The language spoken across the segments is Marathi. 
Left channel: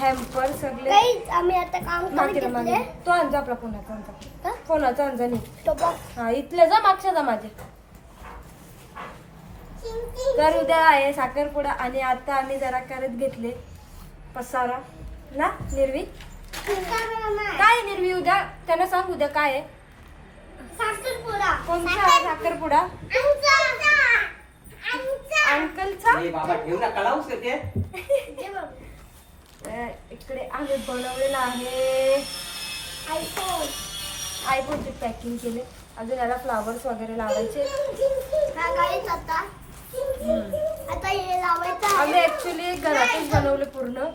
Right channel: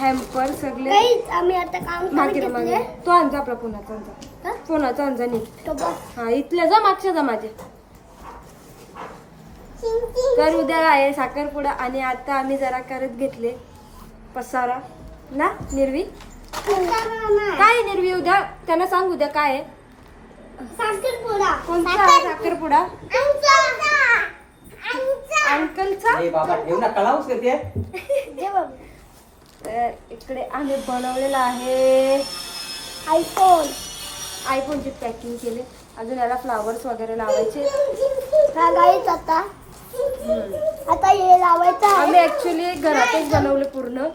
हॅम्पर सगळे आम्ही आता काम मागे मागे तो आणजा आपला फोनाचा आणजा नी हा इथले जा मागच्या जा माझे. तर उद्या आहे साखरपुडा आणि आता आम्ही जरा करत घेतले पसारा ना निर्वी. काय निर्वी उद्या त्यांना सांग उद्या काय आहे साखरपुडा. कोणता साखरपुडा अंकलचा. तर इकडे आम्ही बनवलेला आहे आयफोनची पॅकिंग केले. अजून याला फ्लावर्स वगैरे लावायचे. हा गाईच आता हे लावायचं आहे. आम्ही ऍक्च्युली घरातच बनवले पूर्ण.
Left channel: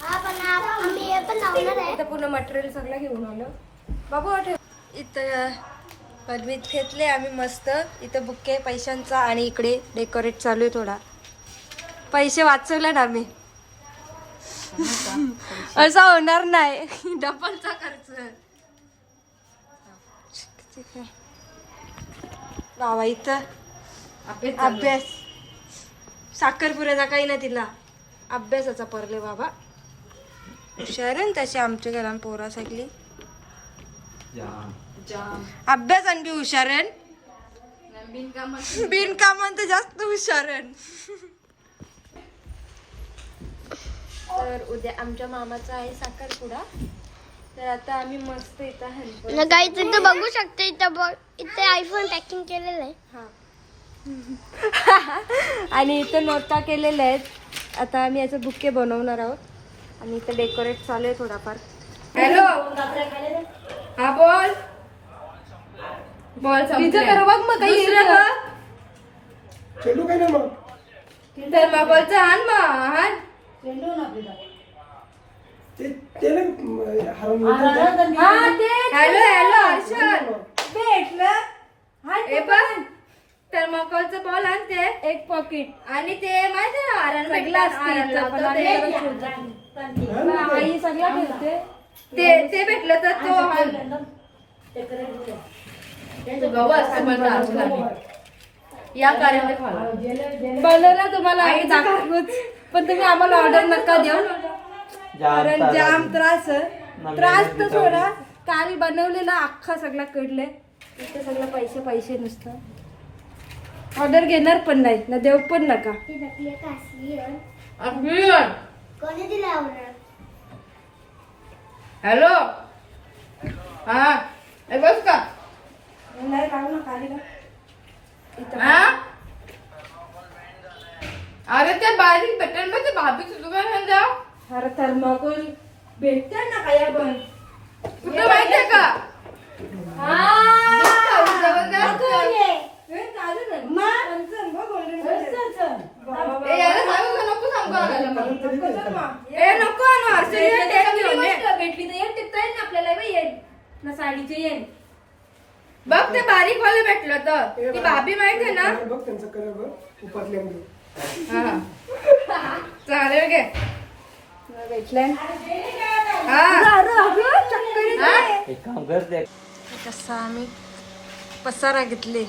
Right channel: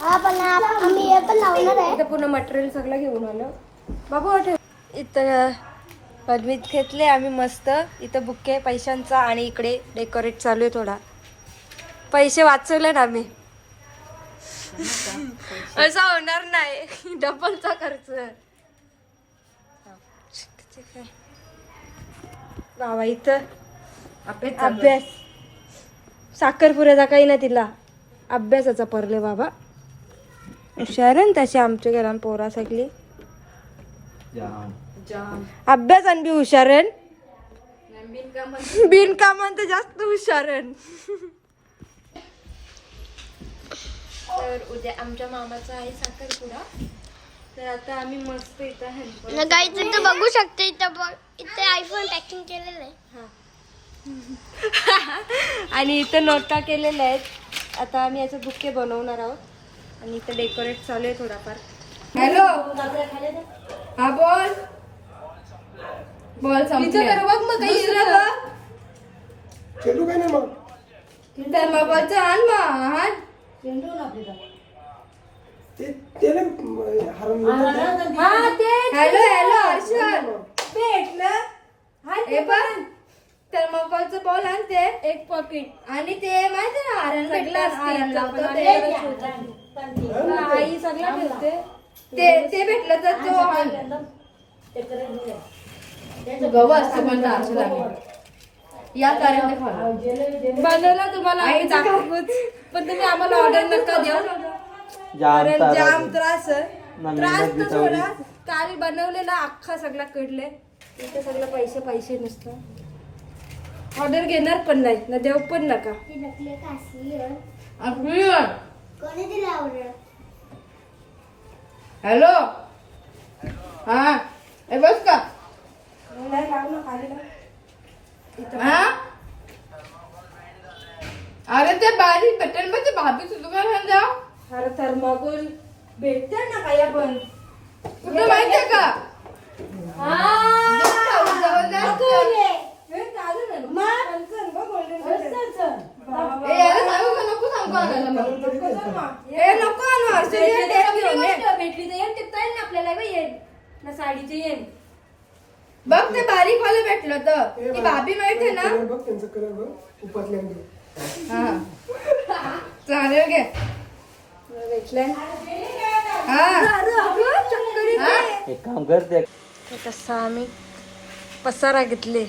हा पण आम्ही हे पण लावणार आहे. इथं पूर्ण मटेरियल सगळं घेऊन आलं बाबू. आठव इथं पदवीत घेतले आम्ही मस्त. इथं बुके पैशांचा आणि इकडे डेकोरेट चालू आहे. थोडा पैसे वाचवले ना आम्ही. असा होणार नाही डबलचा खर्च. बाबा इथं अभ्यास साखरपुऱ्याचा काही ना तिला अभ्यासाचा परले बाबा. हुशार तसे आमच्या घरात पोरा सगळी अभ्यास आणि बी हुशारण बिनकामान तर जास्त हुशारण. तर उद्या आमच्या मामाचा आहे साखरपुडा. तर आता आम्ही मस्त इथं गाईच इथं बघू शकते. इथे आयफोन पॅकिंग केलेलं आहे. आणि इथं नोटा केलेल्या आहेत. आता आम्ही याचे बुके बनवणार आहोत आणि इथं डेकोरेट चालू आहे थोडाफार. हॅलो हा बोल बोल कर बघ मग काही चेंडू काय नाही मग तर मग बोलचं आण मग आण. हॅलो हॅलो हर्षद भेटलं हे पण थर्माकोलचं बॉल आणते एक पॉकेट आणि ते माहिती ना आरण आई सगळं ठेवते. ते भेटलं तर तो या बनवला तुम्हाला आम्ही दाखवूच. पण तुम्ही आम्हाला ऑर्डर नका देऊ कारण जाम त्रास तर थोडा. काल बनवलेला अख्खा सगळा कडले. इथे सगळं पैसे पैसे नुसतं. ऑर्डर घेणार पण नाही ना देऊ पण नका. हॅलो हा बस का अरे ते बारीक पेट्रोल मध्ये भाभी सुद्धा. अरे थर्माकोल भेटत ना काय पण तुला माहितीये का. भेटली तर आपल्याला साडीचे येईल बघ. ते बारीक वाले भेटलं तर ती भाभी माहिती ना. चालेल गे भेटलं. कसं आम्ही पसारा घेतले.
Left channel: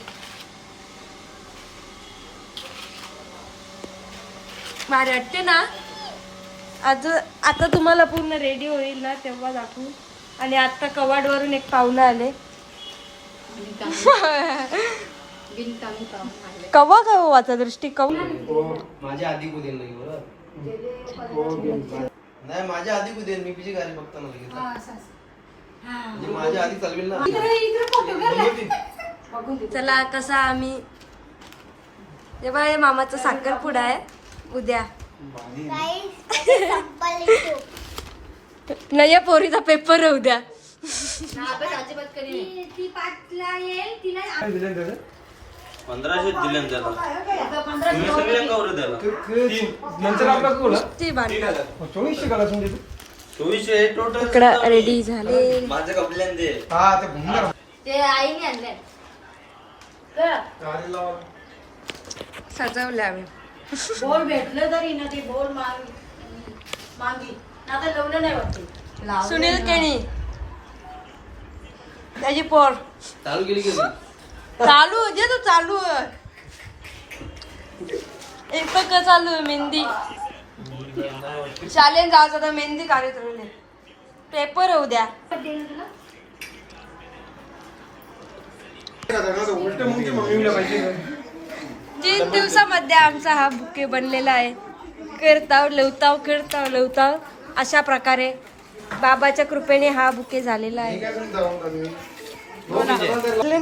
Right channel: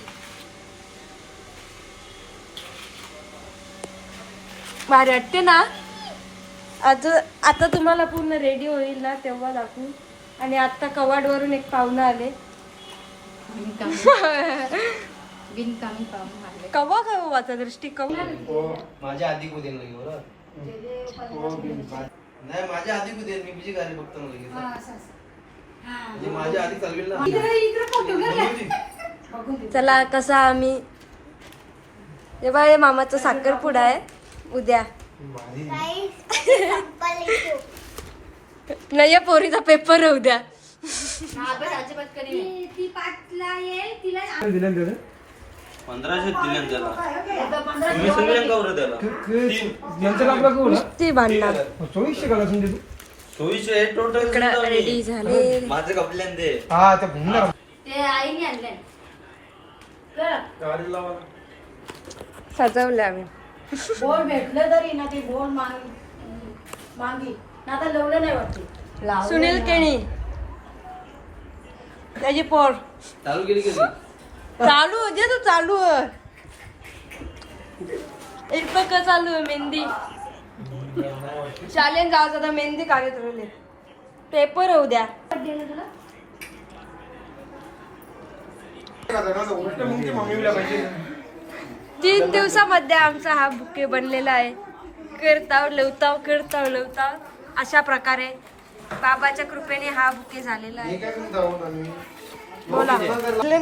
भारी वाटते ना. आता तुम्हाला पूर्ण रेडी होईल ना तेव्हा दाखवू. आणि आता कवाड वरून एक पाहुणा आले. कवा वाचा दृष्टी माझ्या आधी कुठे नाही माझ्या आधी कुठे मी बिजी गाडी बघतो माझ्या आधी चालवेल ना. चला कसा आम्ही तेव्हा हे मामाचा साखरपुडा आहे उद्या. नाही या पोरीचा पेपर आहे उद्या. ती भांडणार. इकडं रेडी झाले. सजवले आम्ही. बोल भेटलं तरी ना ती बोल मागी आता लवलं नाही वाटत. सुनील केणी त्याची पोर चालू केली कधी चालू जे तो चालू आहे. एक पक्का चालू आहे मेहंदी. शालेन जाऊ आता मेहंदी काढत राहिले. पेपर होऊ द्या. 3 दिवसामध्ये आमचा हा बुके बनलेला आहे. करताव लवताव अशा प्रकारे बाबाच्या कृपेने हा बुके झालेला आहे. बोला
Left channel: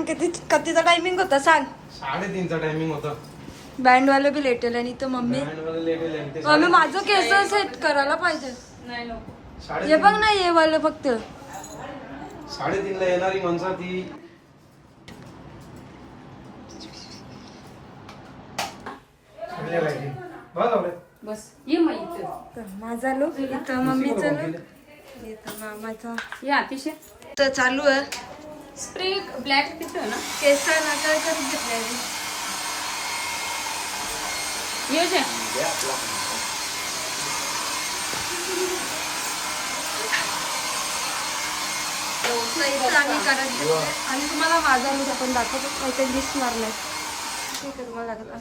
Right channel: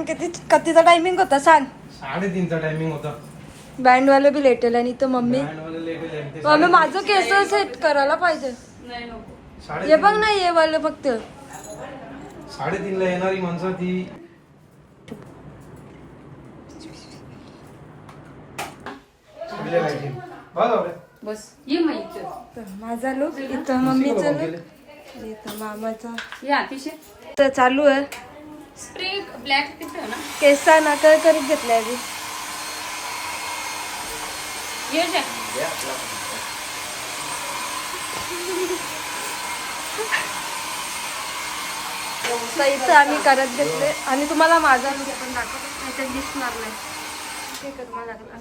कितीचा टायमिंग होता सांग. 3:30चा टायमिंग होता. बँड वाला बी लेटेल आणि तर मम्मी माझं केस सेट करायला पाहिजे. हे बघ ना हे वाला फक्त 3:30ला येणारी माणसं ती बस ये माहिती माझा लुक इथं मम्मीचा लुक इथं मामाचा या अतिशय तर चालू आहे. स्प्रे ब्लॅक किती आहे ना केसा नाका करीत घेतलाय आधी. ये जे तर इथं आम्ही करत घेतले आणि तुम्हाला माझा लुक पण दाखवतो. काहीतरी दिसणार नाही. ते करावं लागलं.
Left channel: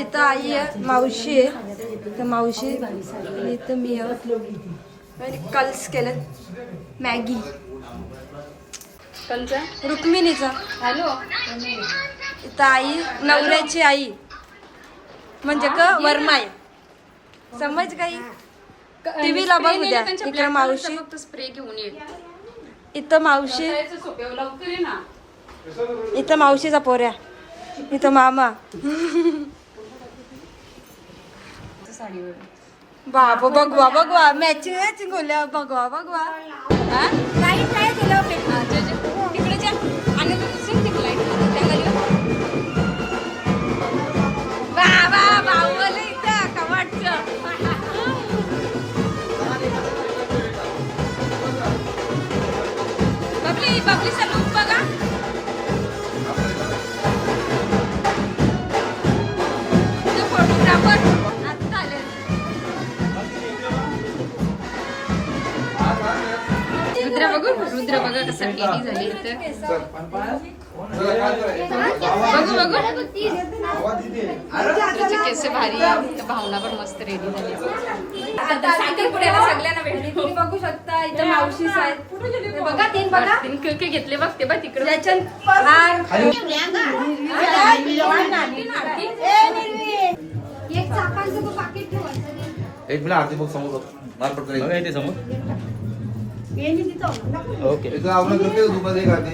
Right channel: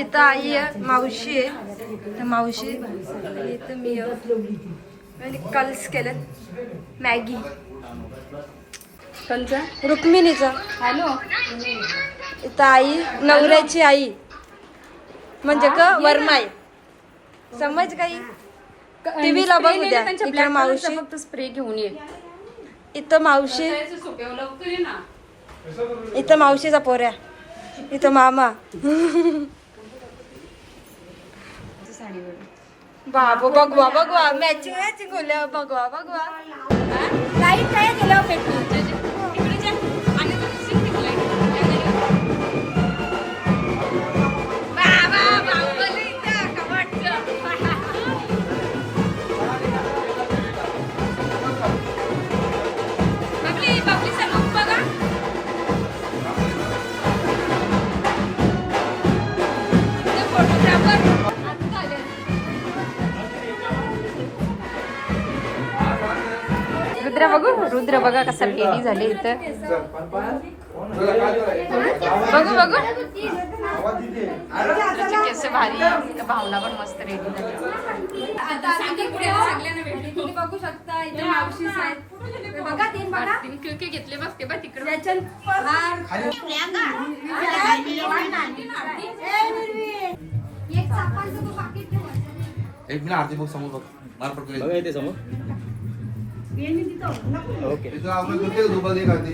इथं आई आहे, मावशी आहे. तर मावशी इथं मी आहे. आणि कल्स केलं मॅगी रुक्मिणीचा. हॅलो इथं आई नवऱ्याची आई म्हणजे का वर्मा आहे. समज काही टीव्हीला बघ उद्या. इकडे मावशी स्प्रे घेऊन ये इथं मावशी लवकर ये ना. इथं मावशीचा पोऱ्या इथं मामा. बाबा बघवा मॅचिंग होल्या बघवा लाईट काय दिलं तिकडे जा आणि बबलीचा लुक बघा. फोटोग्राफर रुद्र बघा कसा रेडी झाले. इथं बघू केस भारी. भावना पण मस्त रेडी झाली. आता सगळ्यांना भेटली तुम्ही बघू शकता. इथं मावशी आहेत बघा. 3 बघा केके घेतले बघ ते बघ तिकडे एक चापांचं तो पाकिट ठेवायचं. 1 मिनिट आरती बघ समोर बघ. मार पडतो इथे समोर. ओके इथं आपण करते दुपार एक आरती.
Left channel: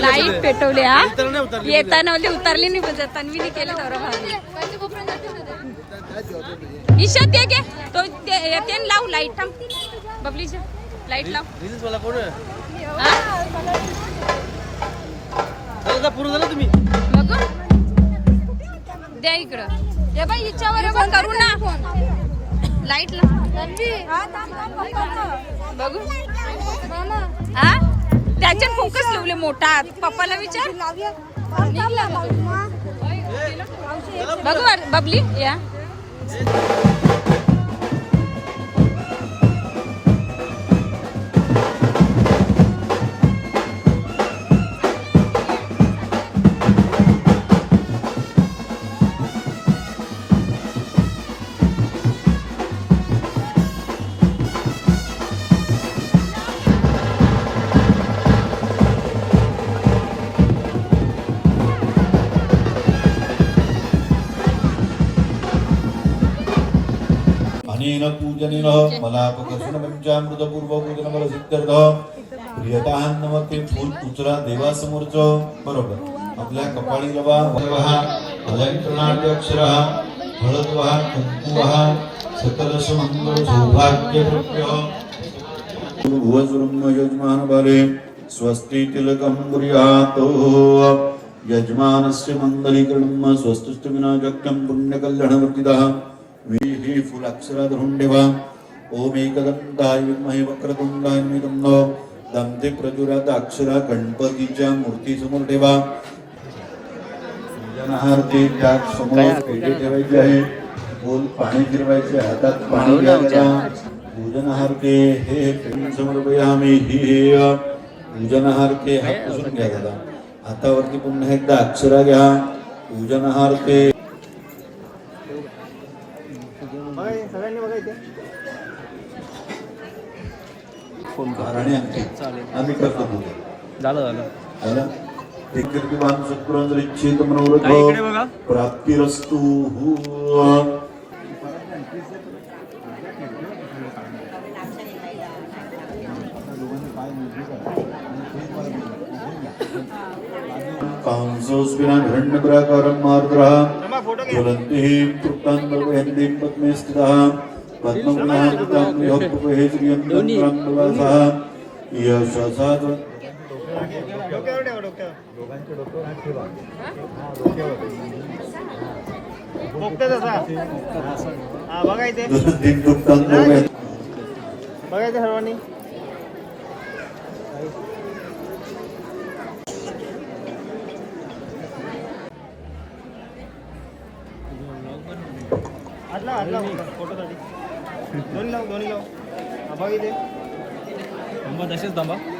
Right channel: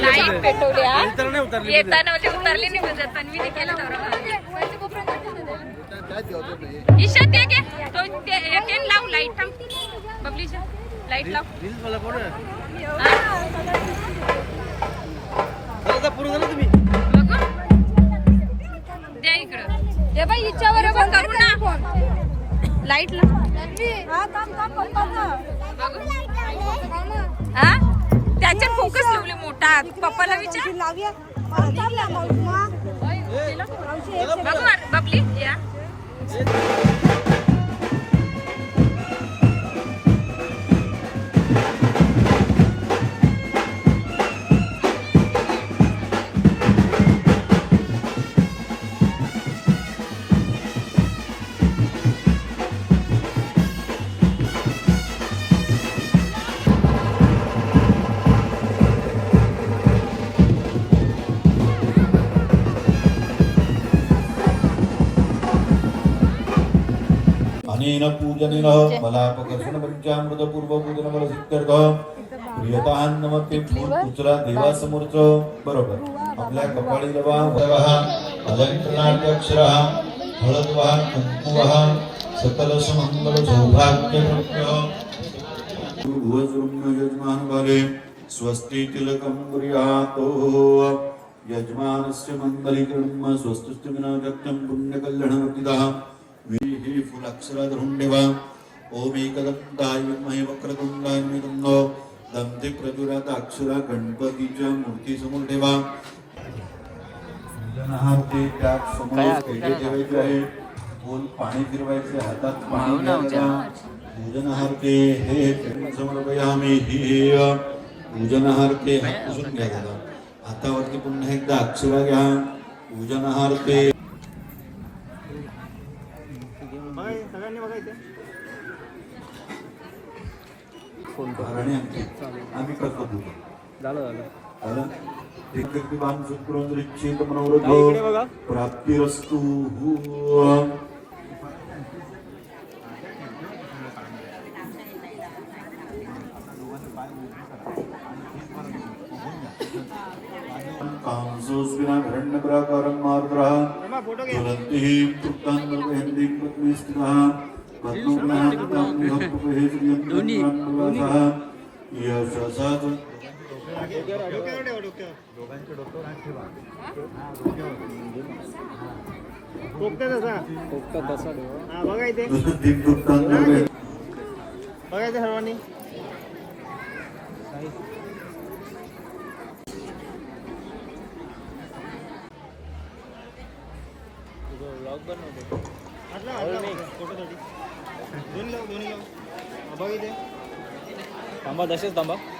लाईट पेटवले. येताना उतरली नाही म्हणजे तन्वीने केलं ईशा ते घे तो ते लाव लाईट. थांब बबलीच्या लाईट लाव. बघ द्या इकडं. हे बाई हिच्यावर करू ना लाईट ला बघू हा त्याच्यात फोकस लावले मोठा पप्पाला विचार बघू बबली या अनेन पूजनेन मलापकर्षण पंचामृत पूर्व पूजन मला सिद्ध्यर्थ प्रियतान्नमते फूल उचला देवासमोरच बरोबर आपल्या कपाळी रवा अलंकरणार्थ अक्षर हळदवा कुंकुवा सकल सुमंगल सौभाग्य भुवसुरम यजमान बाले स्वस्ति तिलकं कुर्यात् यजमानस्य मंगलीकरणं स्वस्तिष्ठ विनाशक्यं पुण्यकल्याणवर्तितः वीहि फुलाक्षरा धरून ठेवा ओम एकदंताय विद्महे वक्रतुंडाय धीमहि तन्नो दंते प्रचुरात अक्षरा गणपतीच्या मूर्ती समोर ठेवा पूजनार्थी त्या समोर पेढे ठेवायचे आहे बोल पाणी फिरवायचे हातात पाणी घ्यायला पूजनार्थी हे पेढे समर्पयामि ही पूजनार्थी हात पुसून घ्या दादा हातावरती पुन्हा एकदा अक्षरा घ्या पूजनार्थी आणि आम्ही करतो झालं एकवान सत्पुरंदरिच्छेत मनोरथ प्राप्तिरस्तु कांसोस्विना हिरण्यप्राकारं मार्द्रः ज्वलन्तिः तृप्तान्नवयन्तीं पद्मे स्थितः पद्मपुनान्तां विहप्पहे श्रियं तन्त्रान्नवासः यशसात् बघायचं सर्वांनी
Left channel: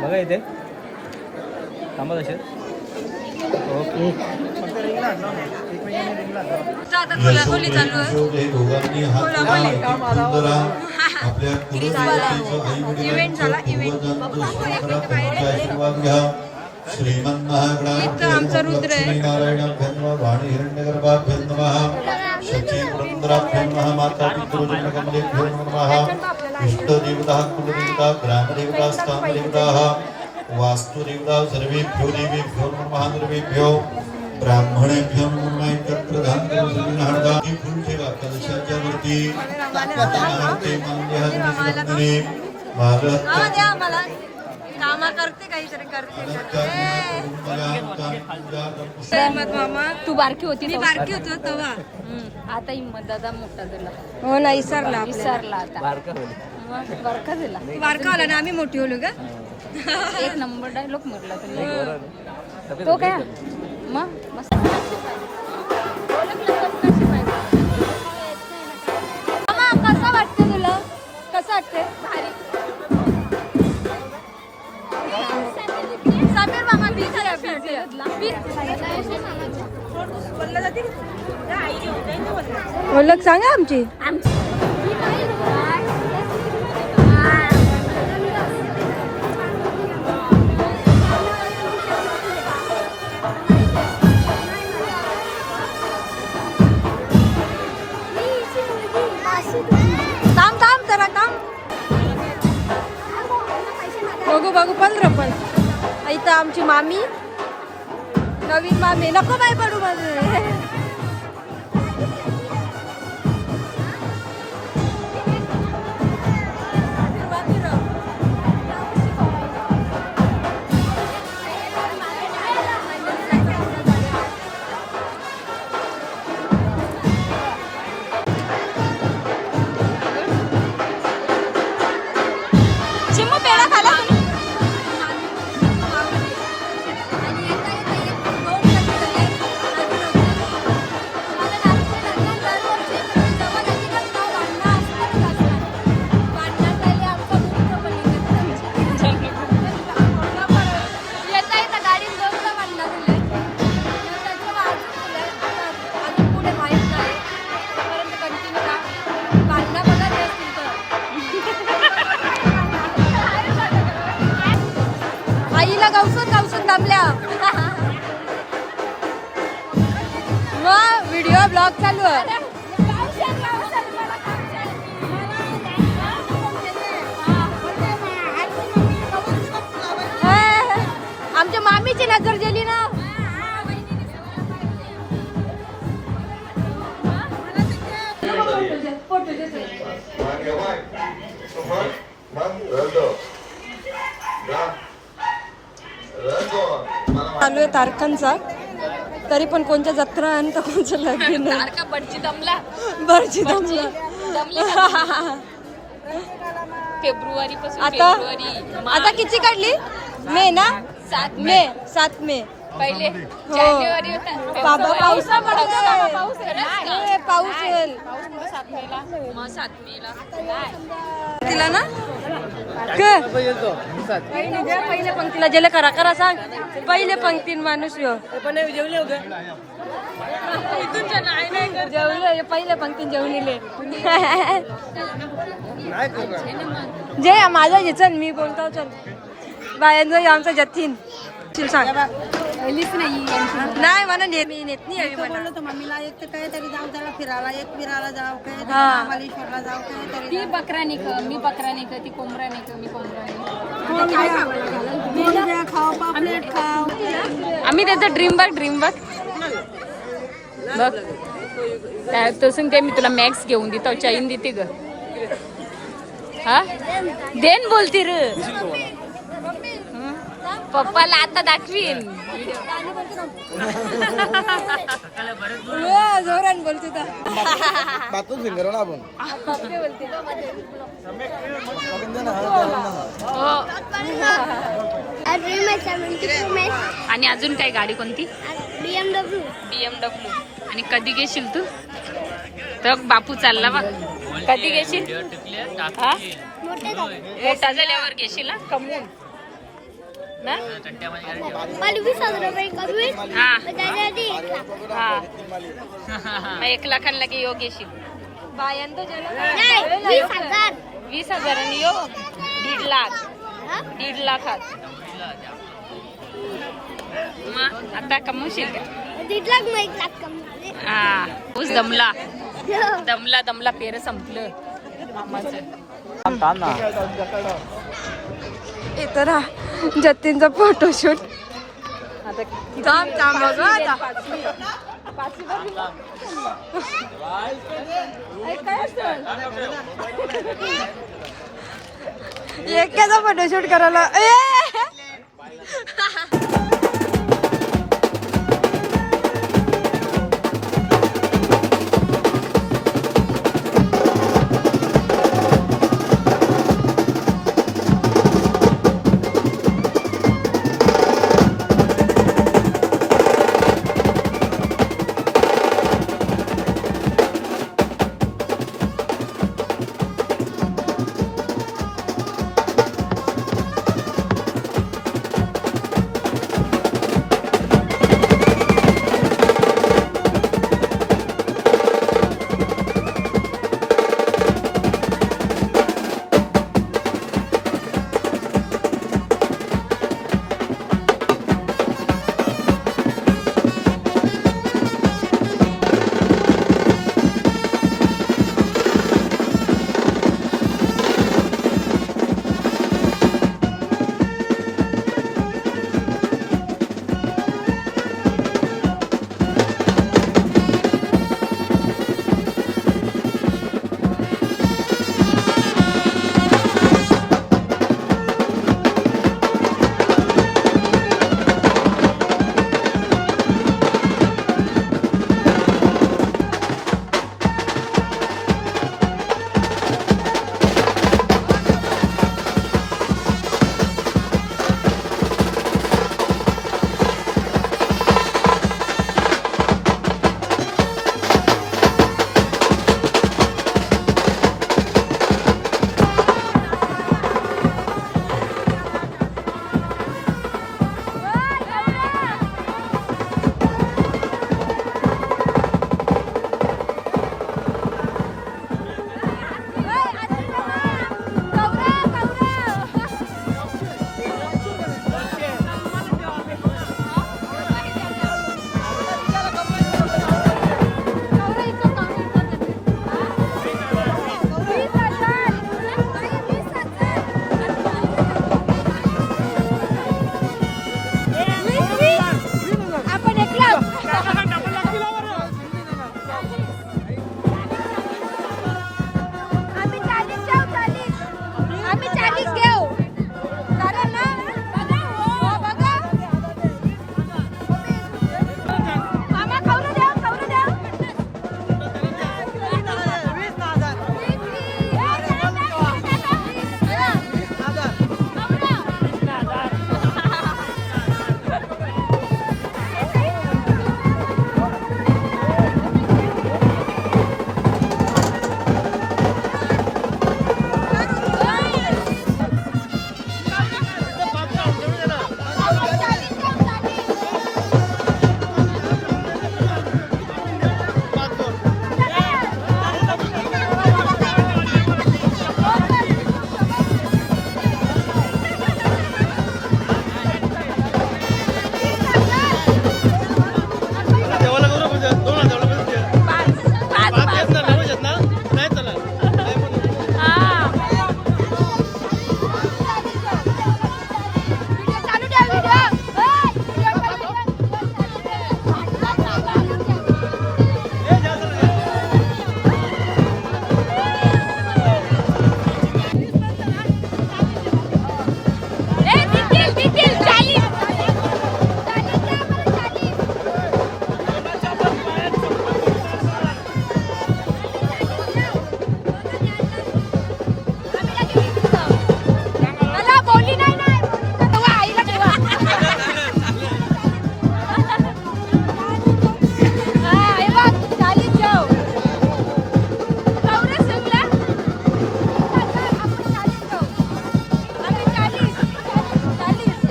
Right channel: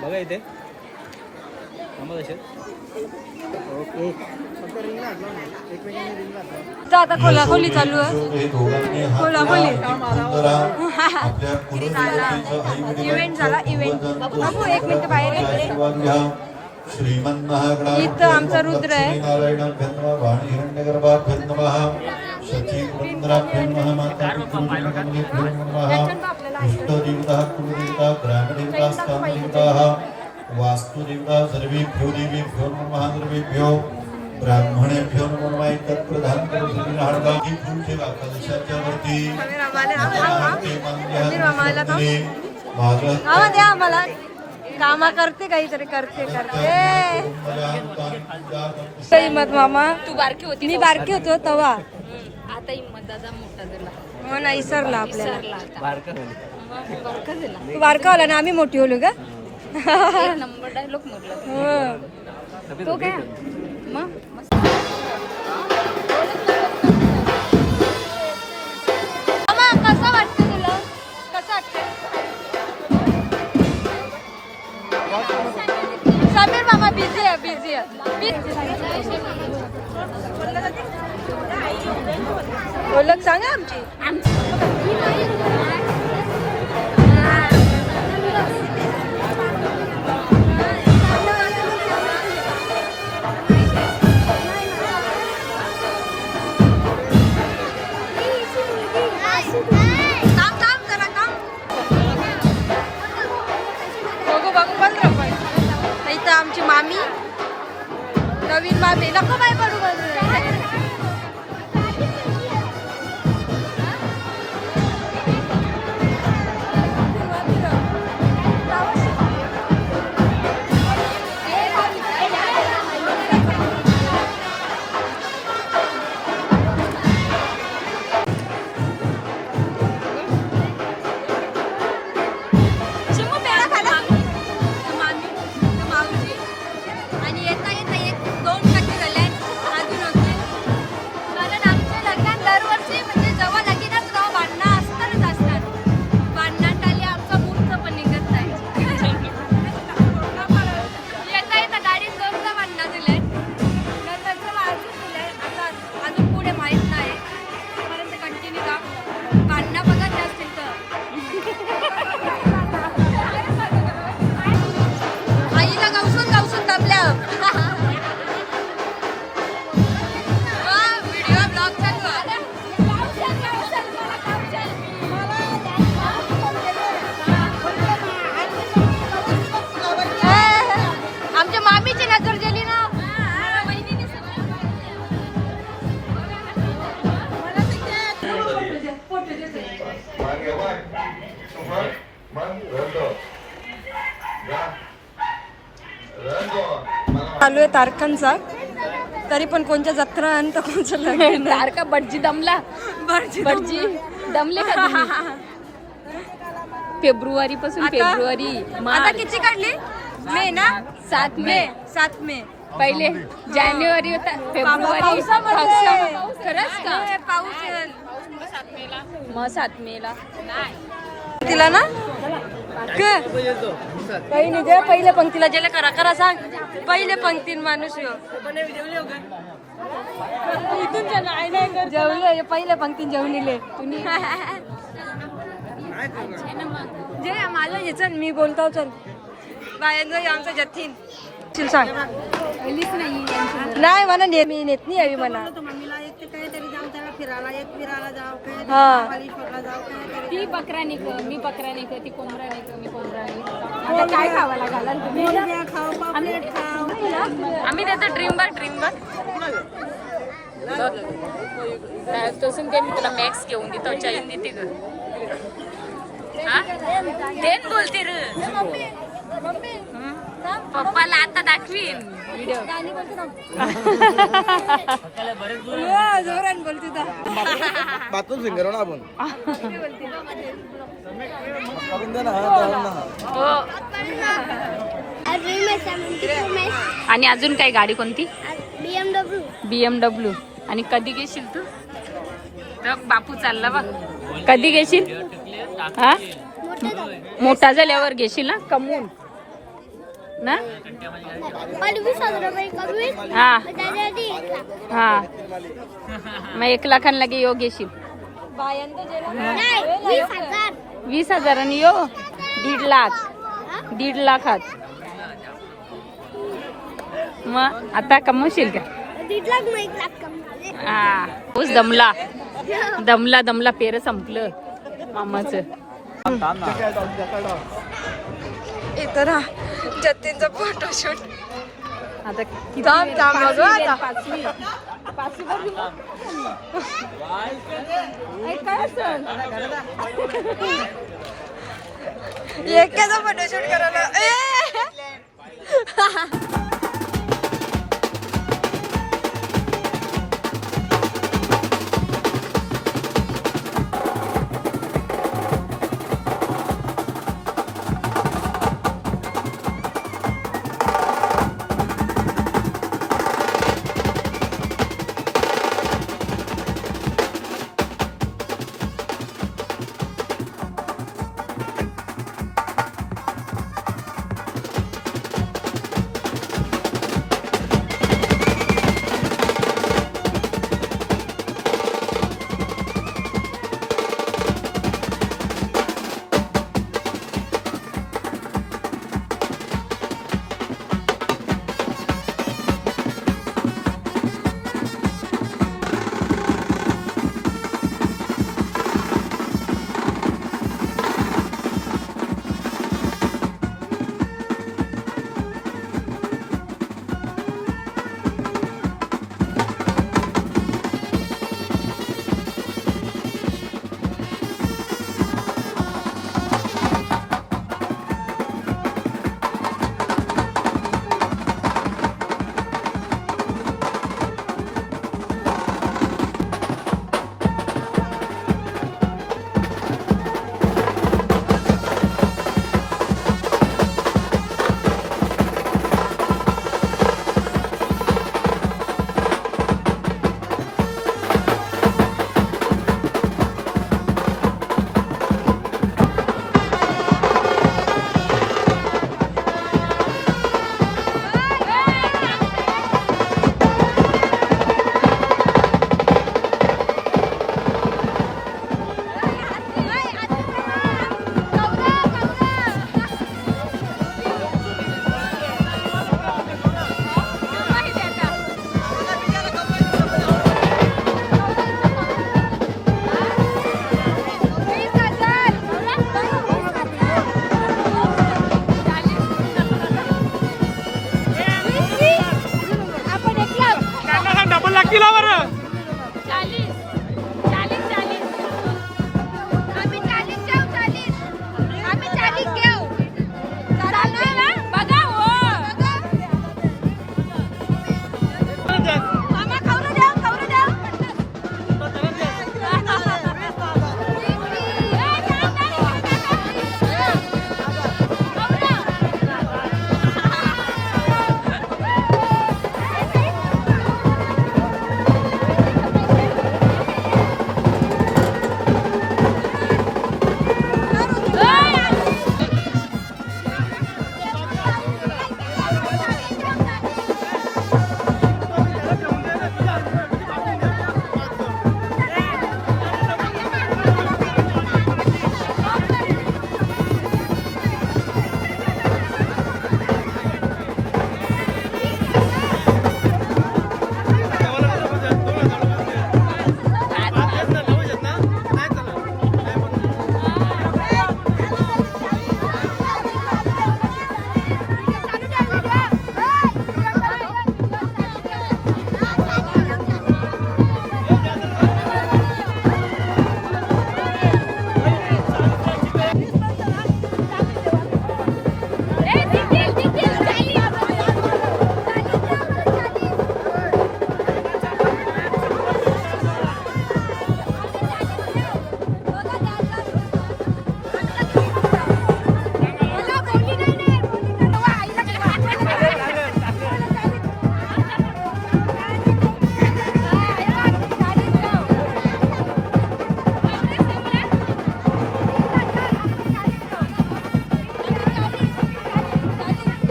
बघा इथे थांबा तसेच आता खोलाखोली चालू आहे खोलाखोली इव्हेंट झाला इवेंट आमचा रुद्र आहे वास्तुदेवता सर्वेभ्यो देवेभ्यो नमः सर्वेभ्यो ब्राह्मणेभ्यो नमो नमः तत्प्रधान करुणा फूल ठेवा कलशाच्या वरती आम्हाला कामा करते काहीतरी करते हिम्मत मामा तू बारकी होती मी बारकी होतो तेव्हा आता हिम्मत दादा मोठा झाला हो ना इसरला आपल्याला बारका होला ना आम्ही मोठी होलो का नंबर डायलॉग म्हटलं तो काय मामा कसा वाटतो तुला कसं वाटतं समीर मामा बिझी आहे म्हणजे सांगा आमची काम जरा काम इथं आमची मामी नवीन मामी नको बाई पडू मामी आमच्या मामीची नजर गेली ना. चालू आहे तारखांचा, तरी पण कोणत्या जत्रा आणि तर कोणचं लग्न. तारका बडजी दमला बरची दमले फेब्रुवारी पासून आता फेब्रुवारी आता किती काढली? मे ना? 7 मे 7 मे. पहिले जानेवारी होता बाबा पावसामध्ये खरंच हे पाऊस येईल मग 7 मेला तिला ना. काही नाही दे, पहिले पंक्तीला जेले करा करा सांग. पहिले पंक्तीन माणूस यो जेवले पहिले पंक्तीन जेवलेले जे माझा घे चल, मी बोलतो चल. बायांचा आमचा जतीन चल सांग. नाही म्हणा मी नेत नाही हवी म्हणा. मम्मीला एक तर काय तरी जाऊ त्याला फिरायला जाऊ काय हा. महाबळेश्वरला जाऊ काय तरी ती बकरा निक मी बकरा निक ती कोंबडा निक मी कोंबडा निक काय खावायला घालाल तुम्ही खाऊ पापलेट खाऊ. आम्ही त्याचा ड्रीम बघ तसं ते मी तुला मॅक्स घेऊन देतो चैन देते ग. हा देन बोलती रे पप्पाला आता दाखवीन व्हिडिओ. जोरान बोलते तर. बातून सिंगर ना आपण हो. ड्रीम आहे 70 Pro Max आणि अजून काय गाडी कोणती? BMW. आणि कधी घेशील तू? तर बापू चालला बघ. कधी घेशील? हा मोठे झाले मोठा झाल्यावर घेशील ना कमवून ना. मला 20,000 रुपये कमी हा त्याच्या आधी 1 लाख. हा मग 1 लाखांना लगे यो घेशील. नाही 20,000. 20,000 आणि यो 1.5 लाख. हा? 1.5 लाखात मग आता कमवशील का? 1.5 लाख मग 1 लाख कमी झाले. हा ऊस दमला दमला पेर संपलं मामाचं. येतो ना जतीनचा फोटोशूट. थांब थांब बघ आता. एकट्याचा फोटोशूट करायला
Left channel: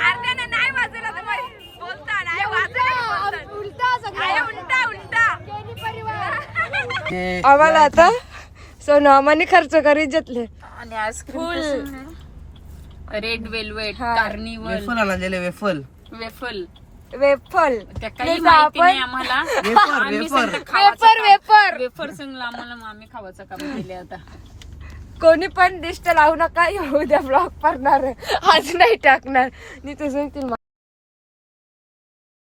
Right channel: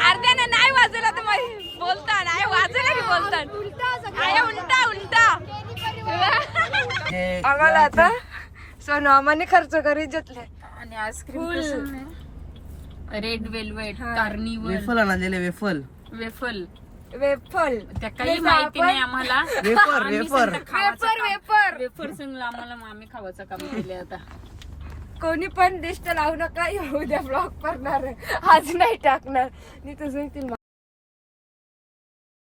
अर्ध्याने नाही वाजवला तर बोलता नाही वाजवला की बोलता उलटा आम्हाला आता सोनमाने खर्च करीत घेतले आणि ice cream red velvet carnival waffle आणलेले वेफल वेफल वेफल त्या काही माहिती नाही आम्हाला आम्ही वेफर. सगळं खावाचं वेफर, काम- वेफर. वेफर संगला आम्हाला आम्ही खावाचं काम केले आता कोणी पण दिष्ट लावू नका उद्या ब्लॉग करणार आहे आज नाही टाकणार मी तुझं